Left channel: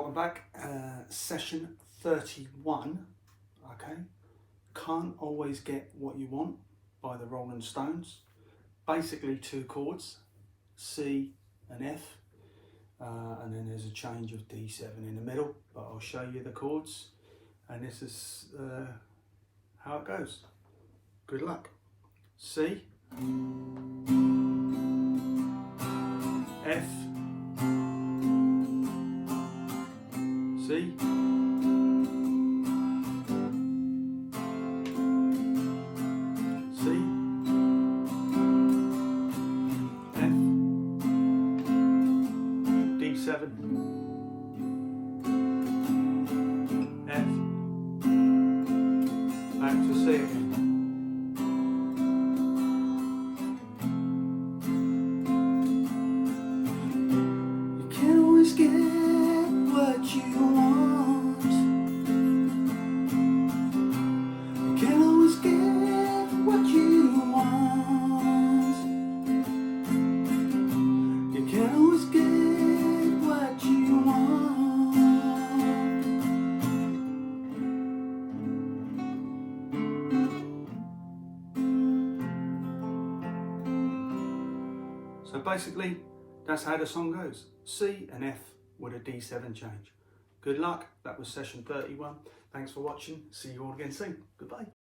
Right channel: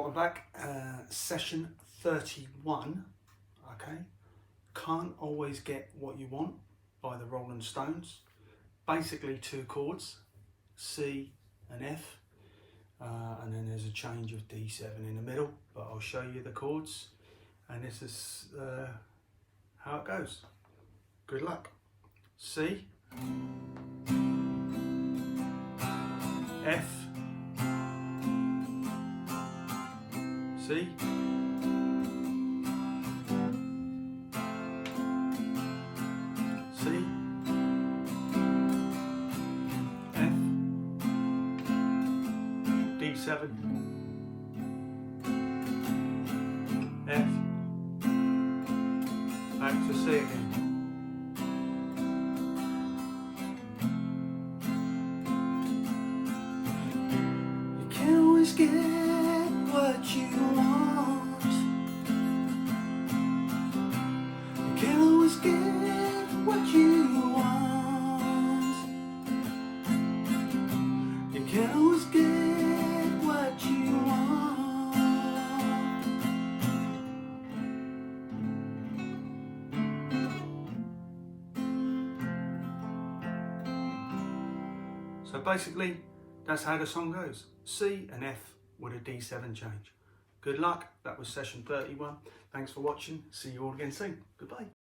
welcome back. Session 31. Okay, Can't Always Get What You Want by the Rolling Stones. Basically two chords, C and F, and then there's a change of D7 in the middle, but I'll show you the chords, and this is how it goes. Good luck. C, F, C, C, F, D7, F, back to C again. You can't always get what you want. You can't always get what you want. You can't always get what you want. So basically, that's how the song goes. C and F with a D7 change. Good luck. That was session 31. Thanks for watching. See you all again soon. Goodbye.